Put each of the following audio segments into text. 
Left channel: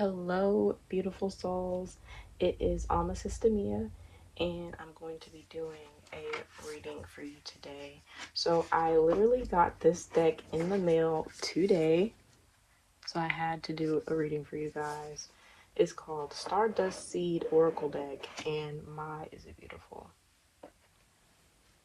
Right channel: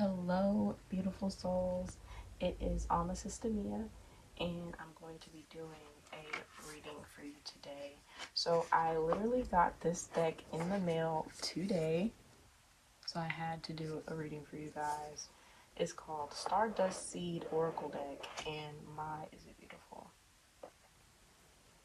Hello, beautiful souls. It is Sister Mia, and I'm going to be doing a reading for you today. So, I literally got this deck in the mail today, so I had to do a reading for you guys. It's called Stardust Seed Oracle Deck, and my, is it beautiful?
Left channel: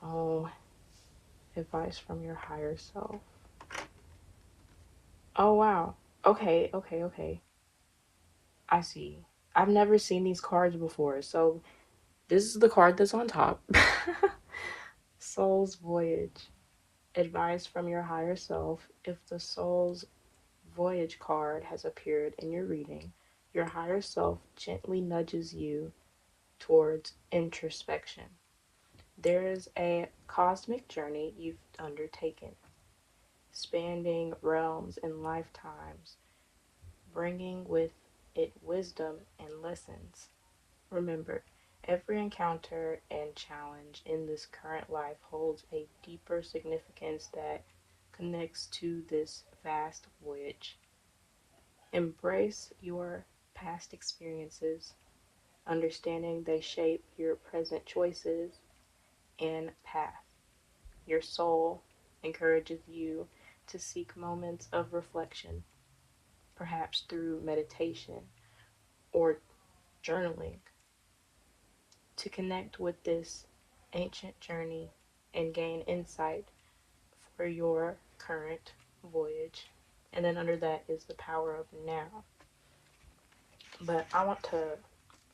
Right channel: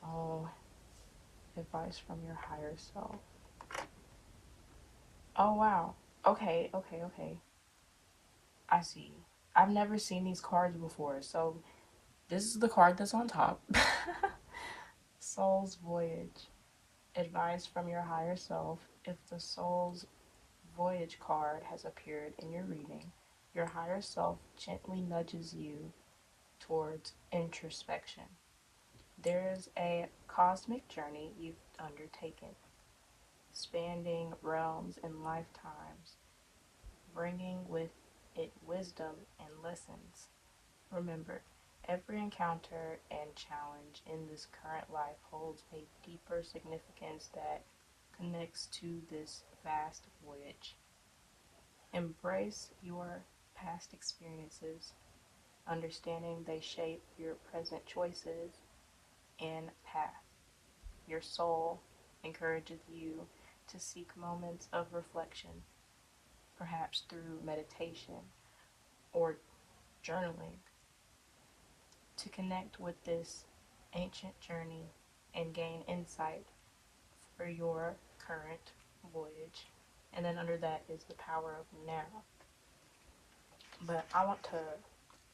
Oh, advice from your higher self. Oh, wow. Okay. I see. I've never seen these cards before, so this is the card that's on top. Soul's Voyage. Advice from your higher self. If the Soul's Voyage card has appeared in your reading, your higher self gently nudges you towards introspection. There is a cosmic journey you've undertaken, spanning realms and lifetimes, bringing with it wisdom and lessons. Remember, every encounter and challenge in this current life holds a deeper significance that connects to this vast voyage. Embrace your past experiences, understanding they shape your present choices and path. Your soul encourages you to seek moments of reflection, perhaps through meditation or journaling, to connect with this ancient journey and gain insight for your current voyage. And then under that is the power of now. But I want to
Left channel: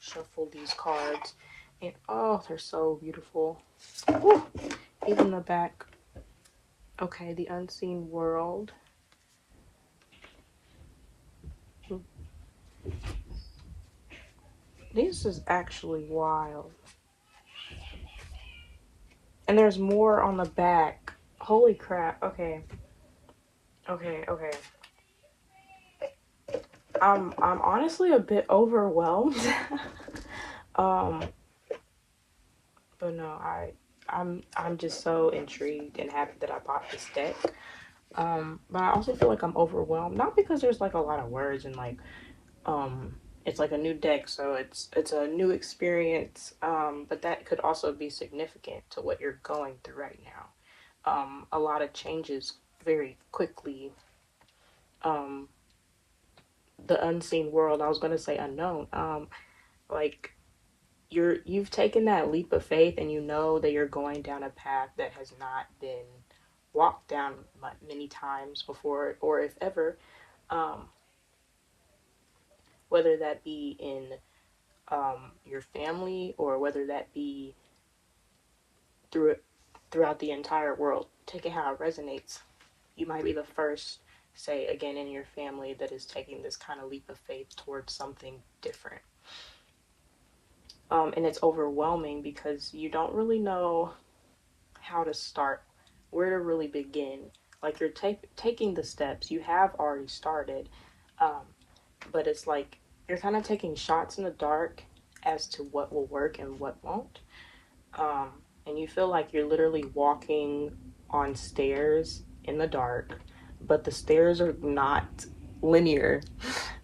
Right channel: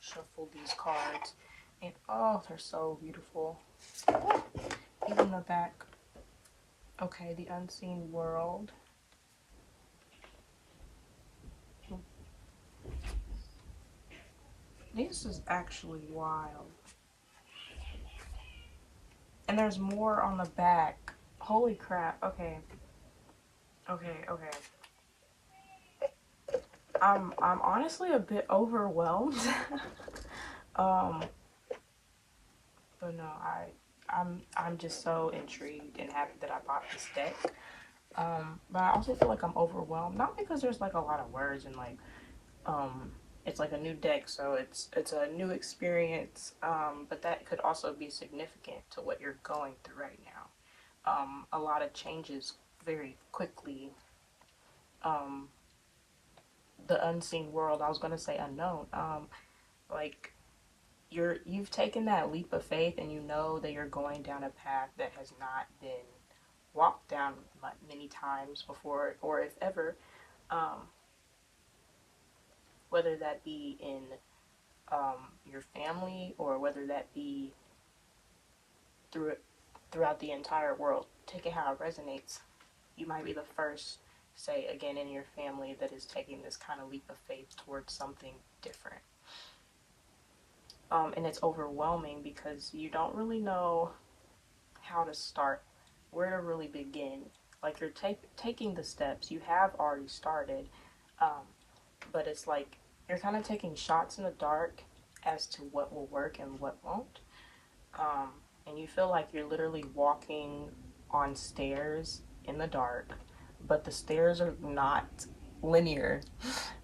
shuffle these cards. And oh, they're so beautiful. Woo! Even the back. Okay, the unseen world. This is actually wild. And there's more on the back. Holy crap. Okay. I'm honestly a bit overwhelmed. um, but no, I'm just so intrigued and happy that I bought this deck. But I also feel like I'm overwhelmed, not because there's like a lot of words and like um it's like a new deck, so it's a new experience. But that could also be significant to what you're going through right now. A lot of changes very quickly. Um, the unseen world. I was gonna say unknown. Like you've taken that leap of faith and you know that you're going down a path that has not been walked down many times before, or if ever. Um, whether that be in your family or whether that be through throughout the entire world. Take it how it resonates. You might be the first, say again, in your family that is taking this kind of leap of faith towards something different. And it's overwhelming because you don't really know how to start, where to really begin. Like you're taking the steps, you have already started, um, but it's like you're kind of taking shots in the dark as to what will work and what won't. Um, and you feel like you're literally walking on stairs in the dark, but the stairs are not linear.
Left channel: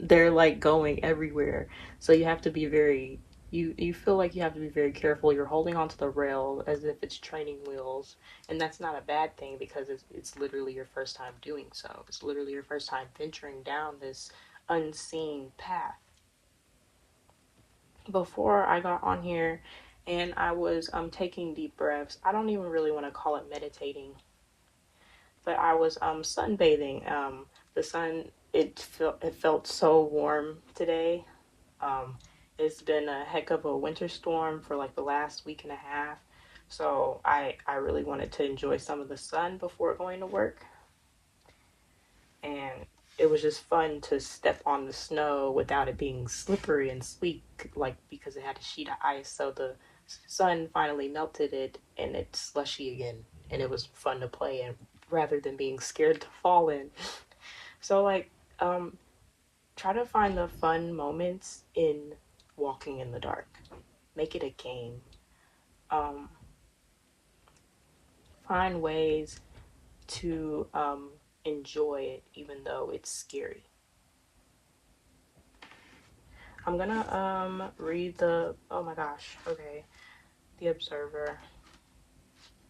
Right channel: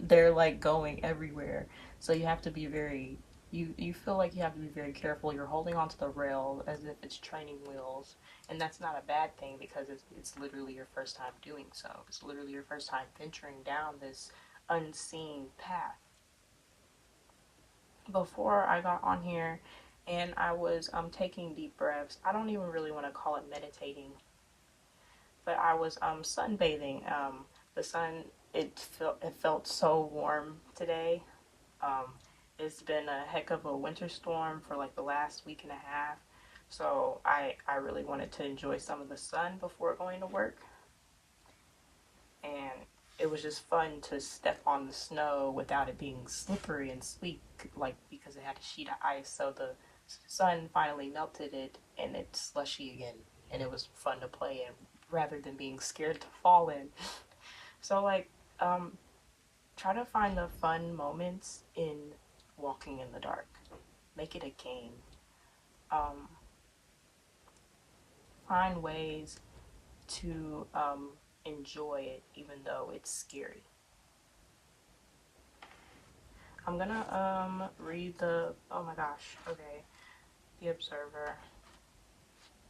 They're like going everywhere. So you have to be very you feel like you have to be very careful. You're holding onto the rail as if it's training wheels, and that's not a bad thing because it's literally your first time doing so. It's literally your first time venturing down this unseen path. Before I got on here and I was taking deep breaths. I don't even really want to call it meditating, but I was sunbathing. The sun, it felt so warm today. Um, it's been a heck of a winter storm for like the last week and a half. So I really wanted to enjoy some of the sun before going to work. And it was just fun to step on the snow without it being slippery and sleek, like because it had a sheet of ice. So the sun finally melted it and it's slushy again. And it was fun to play in rather than being scared to fall in. So, like, um, try to find the fun moments in walking in the dark. Make it a game. Um, find ways to enjoy it, even though it's scary. I'm gonna read the, oh my gosh, okay, the Observer.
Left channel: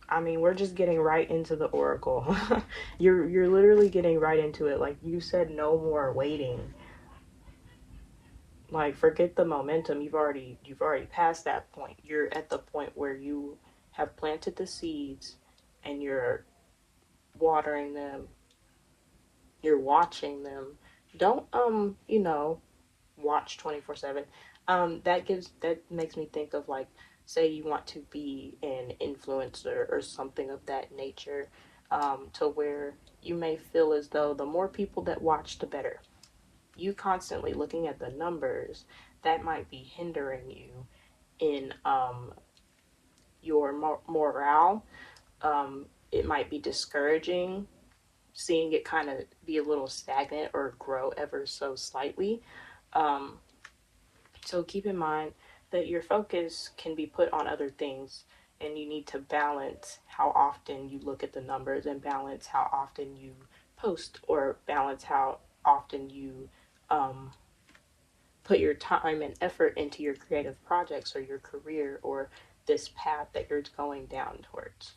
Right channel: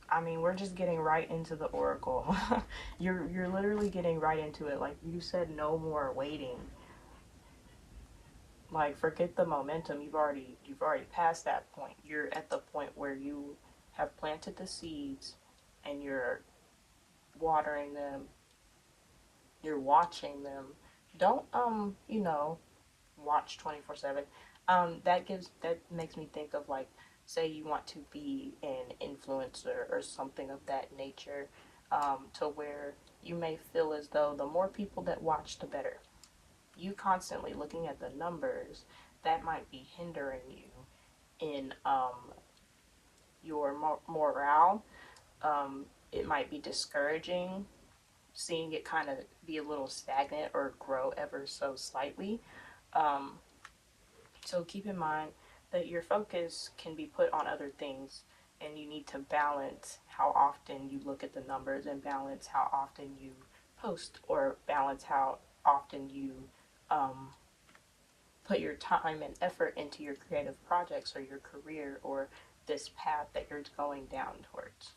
I mean, we're just getting right into the Oracle. You're literally getting right into it. Like you said, no more waiting. Like forget the momentum. You've already passed that point. You're at the point where you have planted the seeds and you're watering them. You're watching them. Don't watch 24/7. That makes me think of like, say you want to be an influencer or something of that nature, to where you may feel as though the more people that watch, the better. You constantly looking at the numbers, that might be hindering you in your morale. It might be discouraging, seeing it kind of be a little stagnant or grow ever so slightly. Um, So keep in mind that your focus can be put on other things, and you need to balance how often you look at the numbers and balance how often you post, or balance how often you um, put your time and effort into your creative projects or your career or this path that you're going down towards.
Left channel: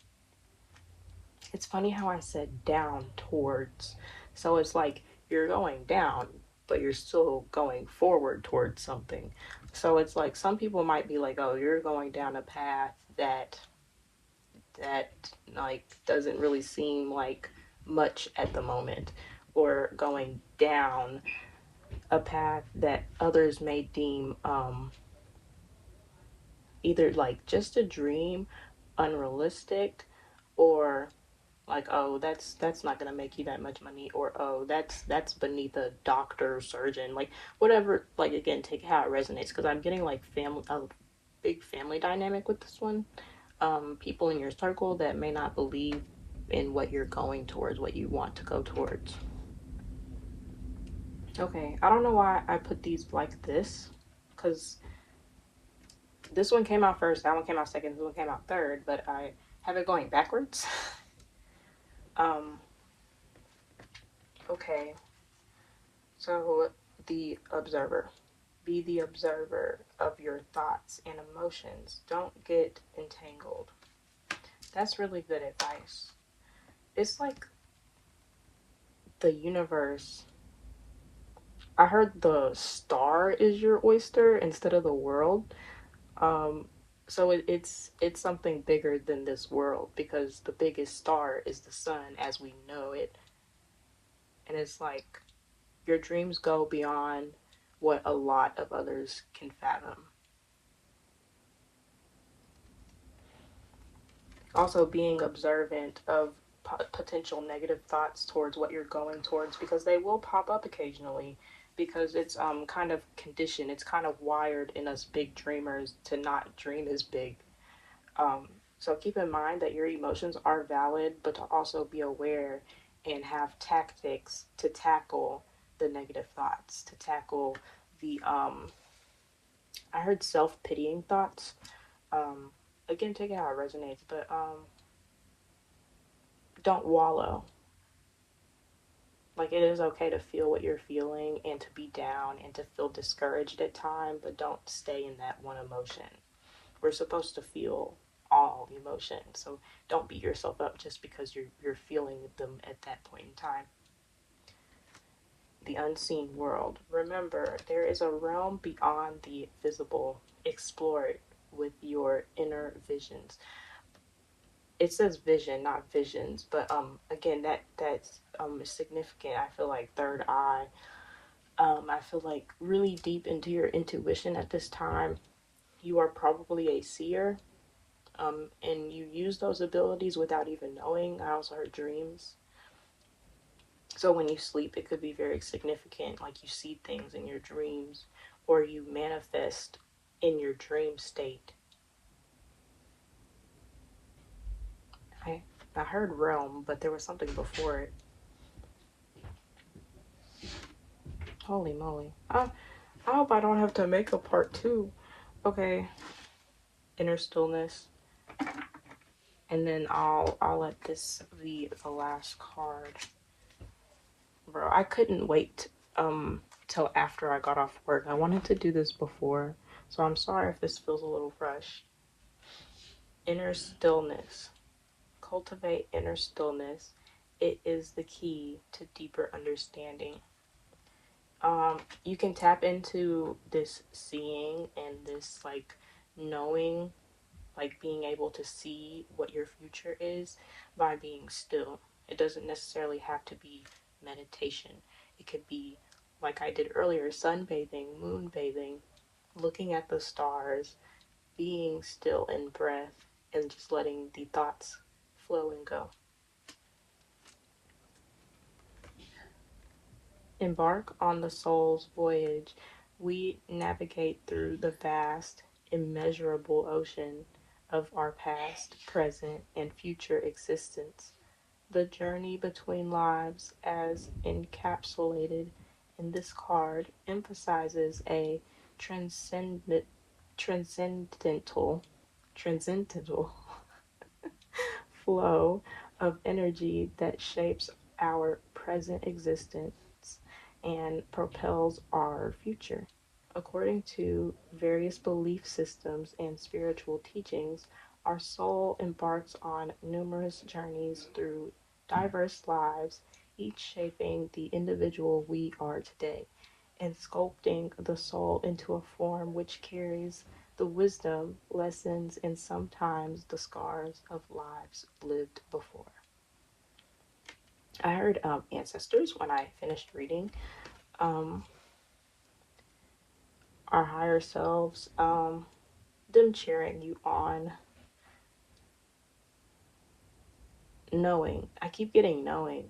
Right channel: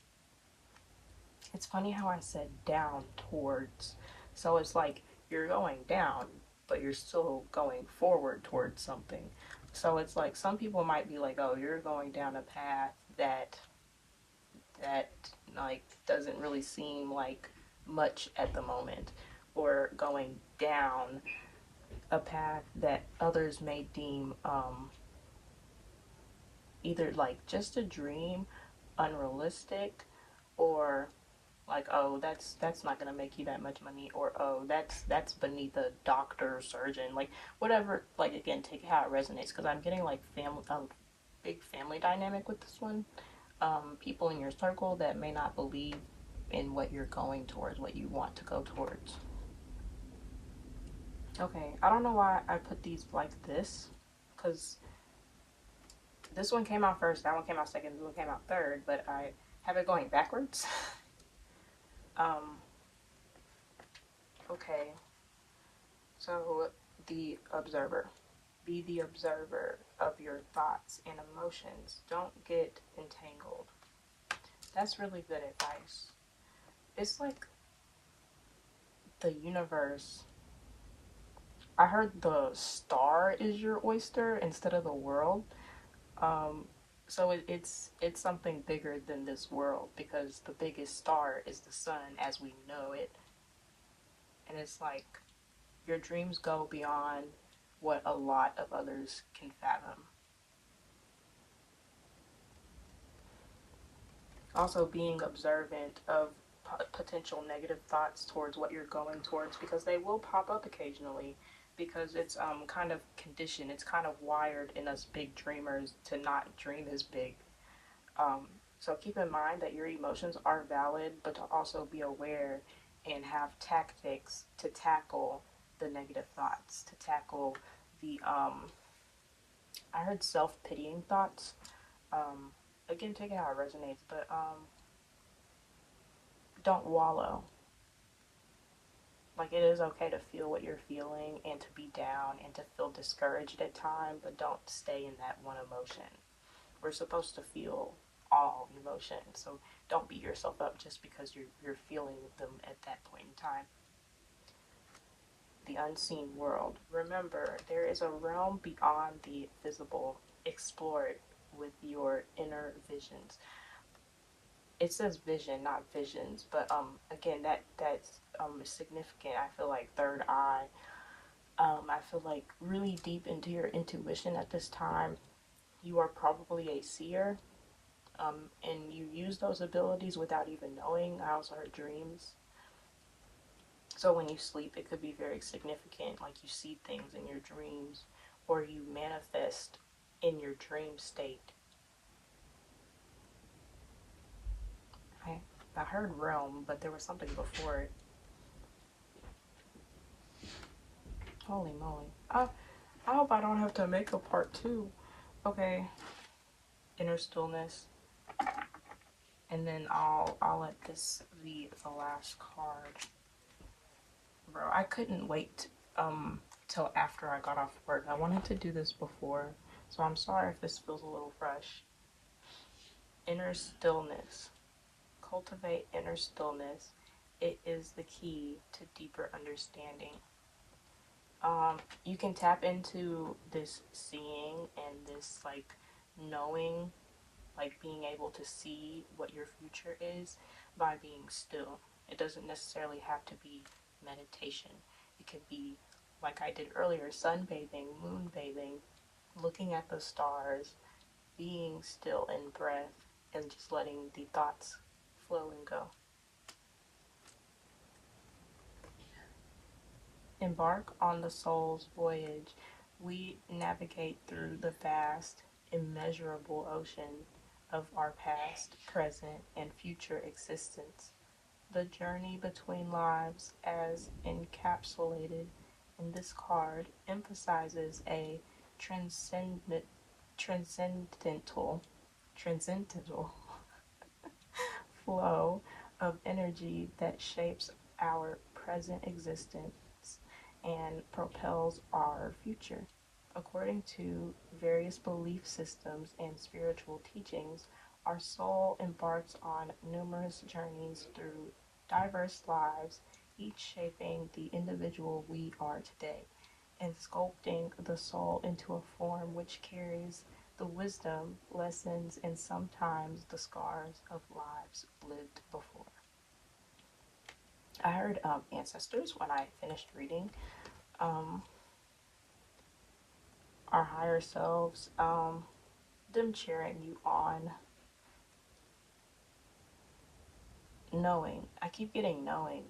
It's funny how I said down towards. So it's like you're going down, but you're still going forward towards something. So it's like some people might be like, "Oh, you're going down a path that like doesn't really seem like much at the moment," or going down a path that others may deem either like just a dream, unrealistic, or like, oh, that's not gonna make you that much money, or oh, that's beneath a doctor or surgeon, like whatever. Like again, take how it resonates, because I'm getting like family, a big family dynamic with this one. People in your circle that may not believe in what you're going towards, what you want to go towards. Okay, I don't know why I put these like this, because this one came out first, that one came out second, this one came out third, but I have it going backwards. um, okay, so the Observer. Be the observer of your thoughts and emotions. Don't get entangled. That's really good advice. It's like the universe. I heard the star is your oyster instead of the world. Um, so it's something bigger than this world, because the biggest star is the sun as we know it, and it's like your dreams go beyond what a lot of others can fathom. Also being observant of potential negative thoughts towards what you're going towards, because they will pop up occasionally, because it's kind of conditioned, it's kind of wired in us big dreamers to not dream as big. um, so keep in mind that your emotions are valid, but to also be aware and have tactics to tackle the negative thoughts, to tackle the I heard self-pitying thoughts. um, Again, take it how it resonates, but don't wallow. Like, it is okay to feel what you're feeling and to be down and to feel discouraged at times, but don't stay in that one emotion. We're supposed to feel all emotions, so don't beat yourself up just because you're feeling them at that point in time. The unseen world. Remember, there is a realm beyond the visible. Explore it with your inner visions. It says vision, not visions, but again, that's significant. I feel like third eye. I feel like really deep into your intuition at this time. You are probably a seer, and you use those abilities without even knowing. I also heard dreams. So when you sleep, it could be very significant. Like you see things in your dreams, or you manifest in your dream state. I heard realm, but there was something before it. Holy moly. I hope I don't have to make a part two. Okay. Inner stillness. And then I'll let this be the last card. Bro, I couldn't wait till after I got off work. I wanted to do this before, so I'm sorry if this feels a little rushed. Inner stillness. Cultivate inner stillness. It is the key to deeper understanding. You can tap into this seeing and this like knowing, like being able to see what your future is by being still. It doesn't necessarily have to be meditation. It could be, like I did earlier, sunbathing, moonbathing, looking at the stars, being still in breath, and just letting the thoughts flow and go. Embark on the soul's voyage. We navigate through the vast, immeasurable ocean of our past, present, and future existence. The journey between lives, as encapsulated in this card, emphasizes a transcendent, transcendental, transcendental flow of energy that shapes our present existence and propels our future. According to various belief systems and spiritual teachings, our soul embarks on numerous journeys through diverse lives, each shaping the individual we are today, and sculpting the soul into a form which carries the wisdom, lessons, and sometimes the scars of lives lived before. I heard ancestors when I finished reading. Um, our higher selves, them cheering you on, knowing. I keep getting knowing.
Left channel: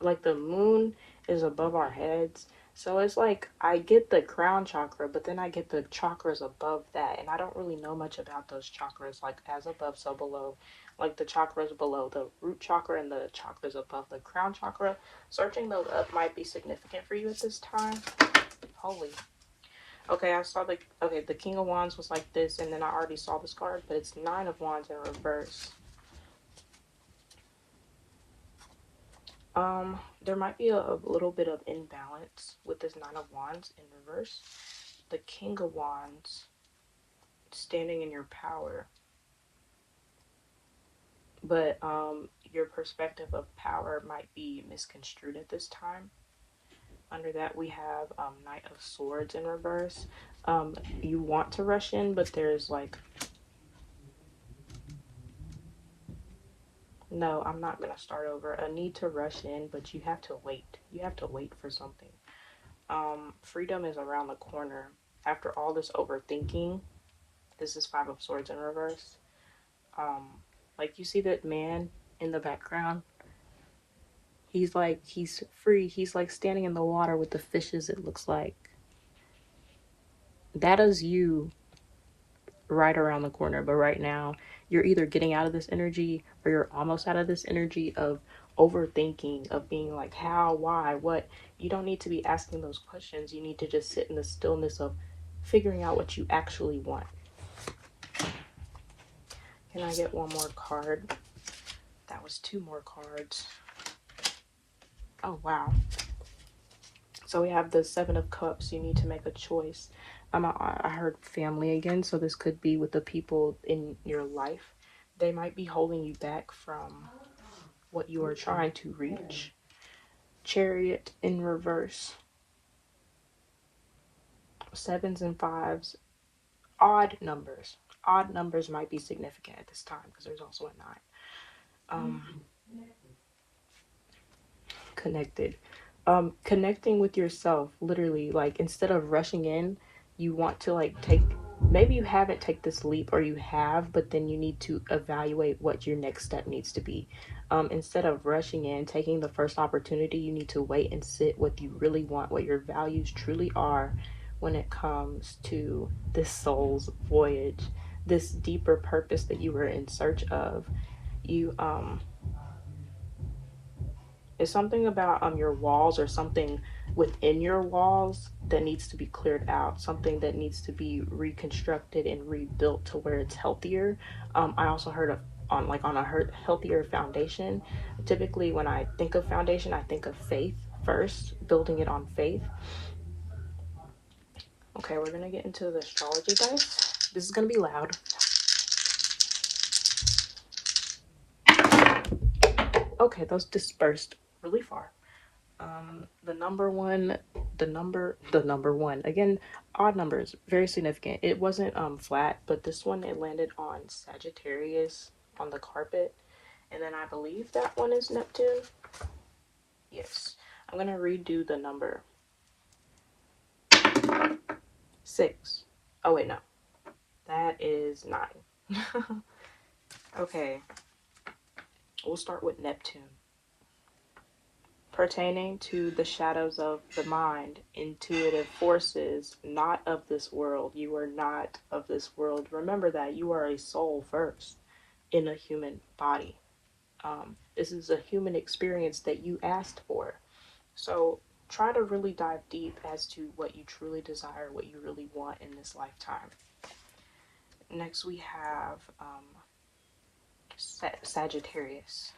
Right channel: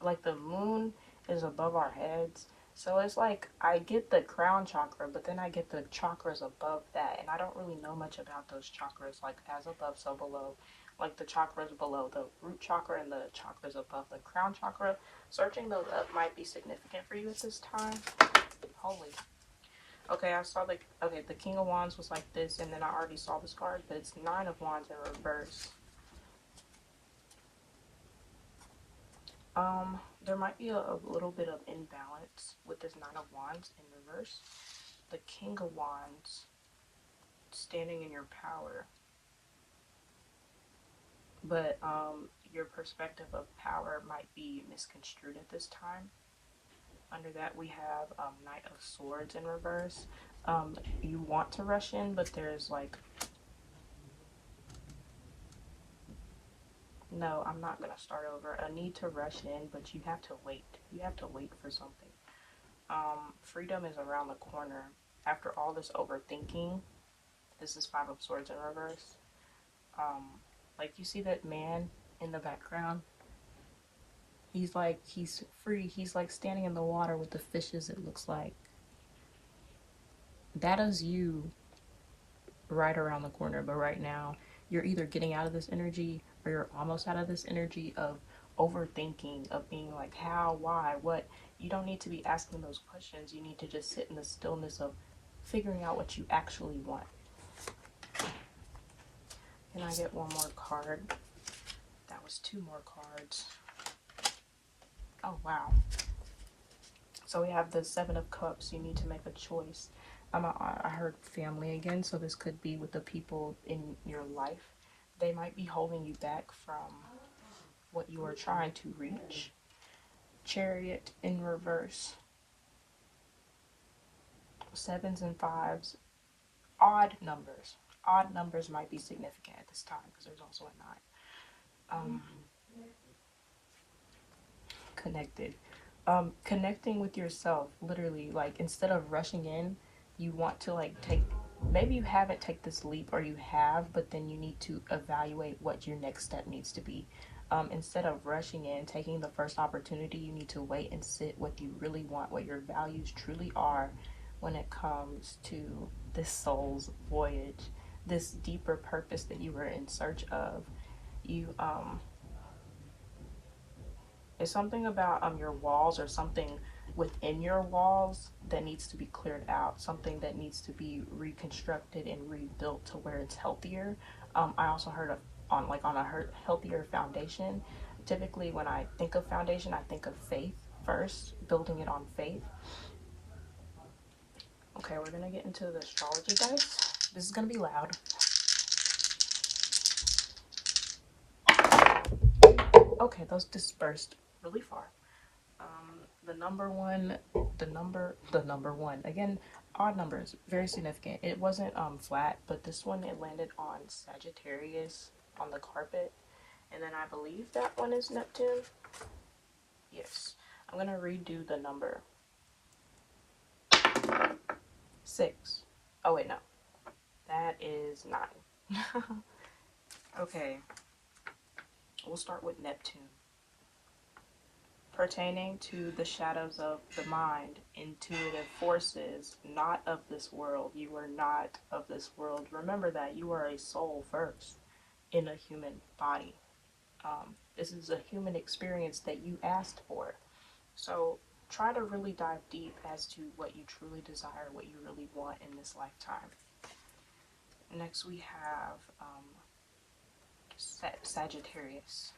Like the moon is above our heads. So it's like I get the crown chakra, but then I get the chakras above that. And I don't really know much about those chakras, like as above, so below. Like the chakras below the root chakra and the chakras above the crown chakra. Searching those up might be significant for you at this time. Holy. Okay, I saw the King of Wands was like this, and then I already saw this card, but it's Nine of Wands in reverse. There might be a little bit of imbalance with this Nine of Wands in reverse. The King of Wands standing in your power, but your perspective of power might be misconstrued at this time. Under that, we have Knight of Swords in reverse. You want to rush in, but there's like, no, I'm not going to start over. A need to rush in, but you have to wait. You have to wait for something. Freedom is around the corner. After all this overthinking, this is Five of Swords in reverse. Like you see that man in the background? He's free. He's like standing in the water with the fishes, it looks like. That is you right around the corner. But right now, you're either getting out of this energy or you're almost out of this energy of overthinking, of being like, how, why, what. You don't need to be asking those questions. You need to just sit in the stillness of figuring out what you actually want. Can I get one more card? That was two more cards. Oh, wow. So we have the Seven of Cups. You need to make a choice. I heard family again, so this could be with the people in your life. They might be holding you back from what you are trying to reach. Chariot in reverse. Sevens and fives. Odd numbers. Odd numbers might be significant at this time because there's also a 9. Connected. Connecting with yourself, literally, like instead of rushing in, you want to like maybe you haven't take this leap, or you have, but then you need to evaluate what your next step needs to be. Instead of rushing in, taking the first opportunity, you need to wait and sit what you really want, what your values truly are when it comes to this soul's voyage, this deeper purpose that you were in search of. You It's something about your walls, or something within your walls that needs to be cleared out, something that needs to be reconstructed and rebuilt to where it's healthier. I also heard of on a healthier foundation. Typically when I think of foundation, I think of faith first, building it on faith. Okay, we're gonna get into the astrology dice. This is gonna be loud. Okay, those dispersed really far. The number one, again, odd numbers, very significant. It wasn't flat, but this one, it landed on Sagittarius on the carpet, and then I believe that one is Neptune. Yes, I'm gonna redo the number. 6. Oh wait, no, that is 9. Okay, we'll start with Neptune. Pertaining to the shadows of the mind, intuitive forces, not of this world. You are not of this world. Remember that you are a soul first in a human body. This is a human experience that you asked for. So try to really dive deep as to what you truly desire, what you really want in this lifetime. Next we have Sagittarius.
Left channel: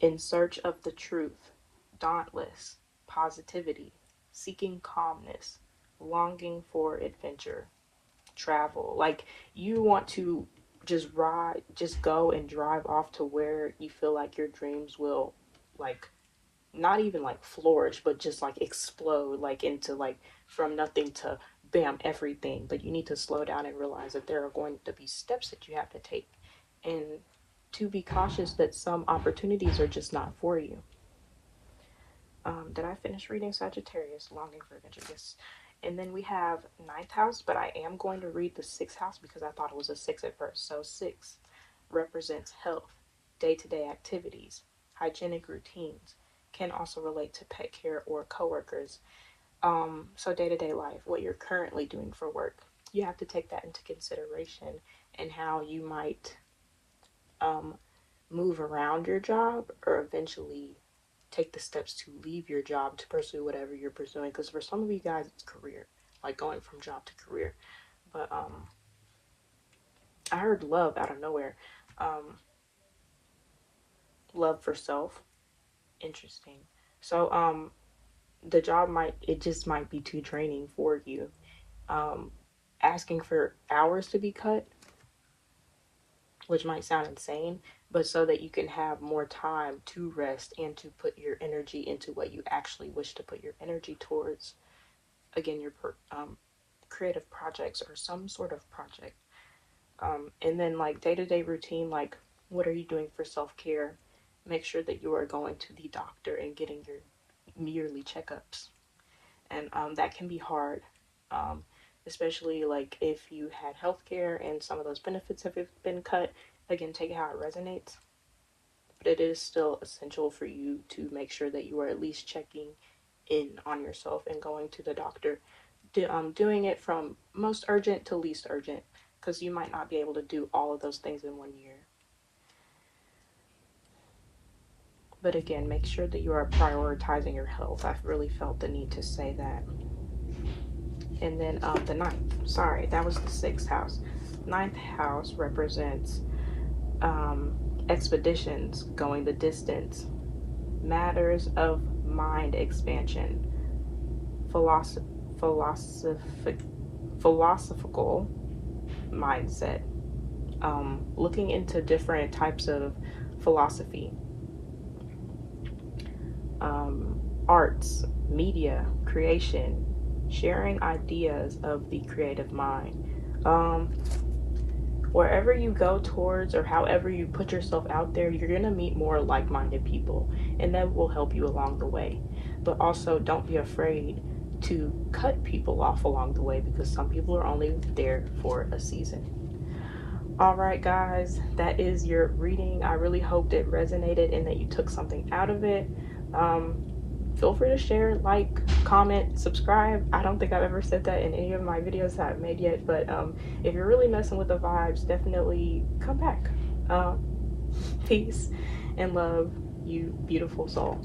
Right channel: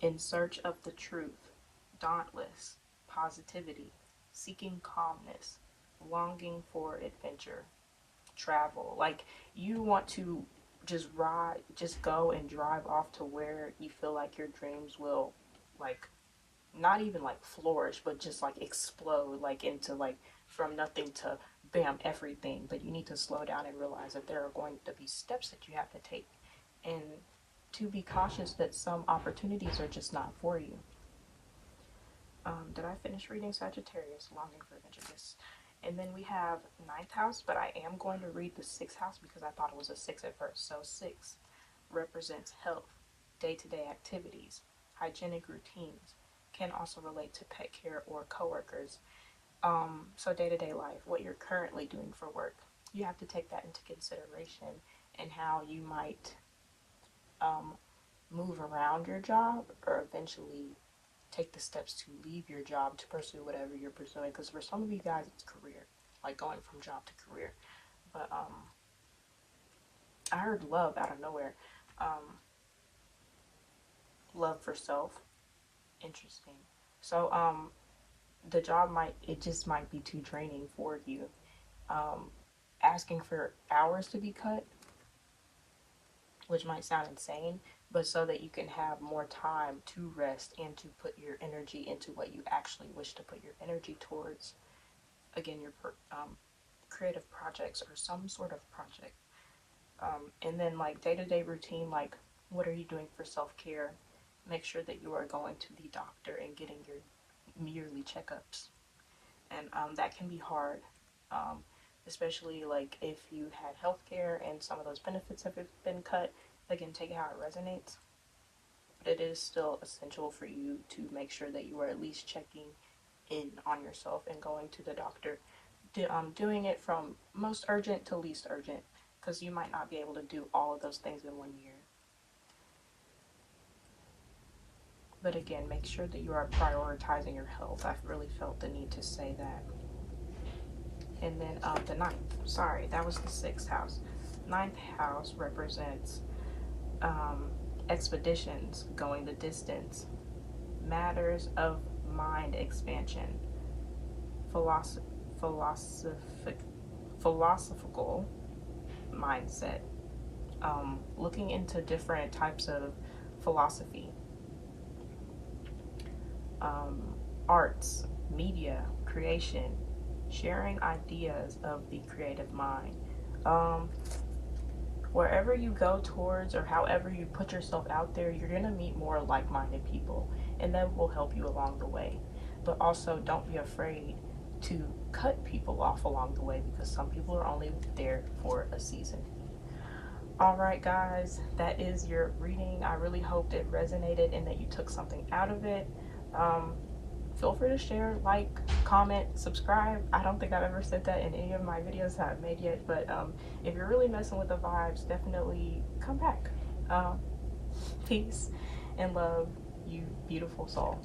In search of the truth, dauntless, positivity, seeking calmness, longing for adventure, travel. Like you want to just go and drive off to where you feel like your dreams will, like, not even like flourish, but just like explode, like into like from nothing to bam, everything. But you need to slow down and realize that there are going to be steps that you have to take, and to be cautious that some opportunities are just not for you. Did I finish reading Sagittarius? Longing for adventure, yes. And then we have 9th house, but I am going to read the 6th house because I thought it was a 6 at first. So 6 represents health, day-to-day activities, hygienic routines, can also relate to pet care or coworkers. So day-to-day life, what you're currently doing for work, you have to take that into consideration, and how you might move around your job or eventually take the steps to leave your job to pursue whatever you're pursuing. Because for some of you guys, it's career, like going from job to career. But I heard love out of nowhere. Love for self. Interesting. So the job might be too draining for you. Asking for hours to be cut, which might sound insane, but so that you can have more time to rest and to put your energy into what you actually wish to put your energy towards. Again, your creative projects or some sort of project. And then like day-to-day routine, like what are you doing for self-care? Make sure that you are going to the doctor and getting your yearly checkups. And that can be hard, especially like if you had healthcare and some of those benefits have been cut. Again, take how it resonates. But it is still essential for you to make sure that you are at least checking in on yourself and going to the doctor. Doing it from most urgent to least urgent, because you might not be able to do all of those things in 1 year. But again, make sure that you are prioritizing your health. I've really felt the need to say that. And then the 9th, sorry, that was the 6th house. 9th house represents expeditions, going the distance, matters of mind expansion, philosophical mindset, looking into different types of philosophy, arts, media, creation, sharing ideas of the creative mind. Wherever you go towards or however you put yourself out there, you're going to meet more like-minded people, and that will help you along the way. But also don't be afraid to cut people off along the way, because some people are only there for a season. All right, guys, that is your reading. I really hoped it resonated and that you took something out of it. Feel free to share, like, comment, subscribe. I don't think I've ever said that in any of my videos that I've made yet, but if you're really messing with the vibes, definitely come back. Peace and love, you beautiful soul.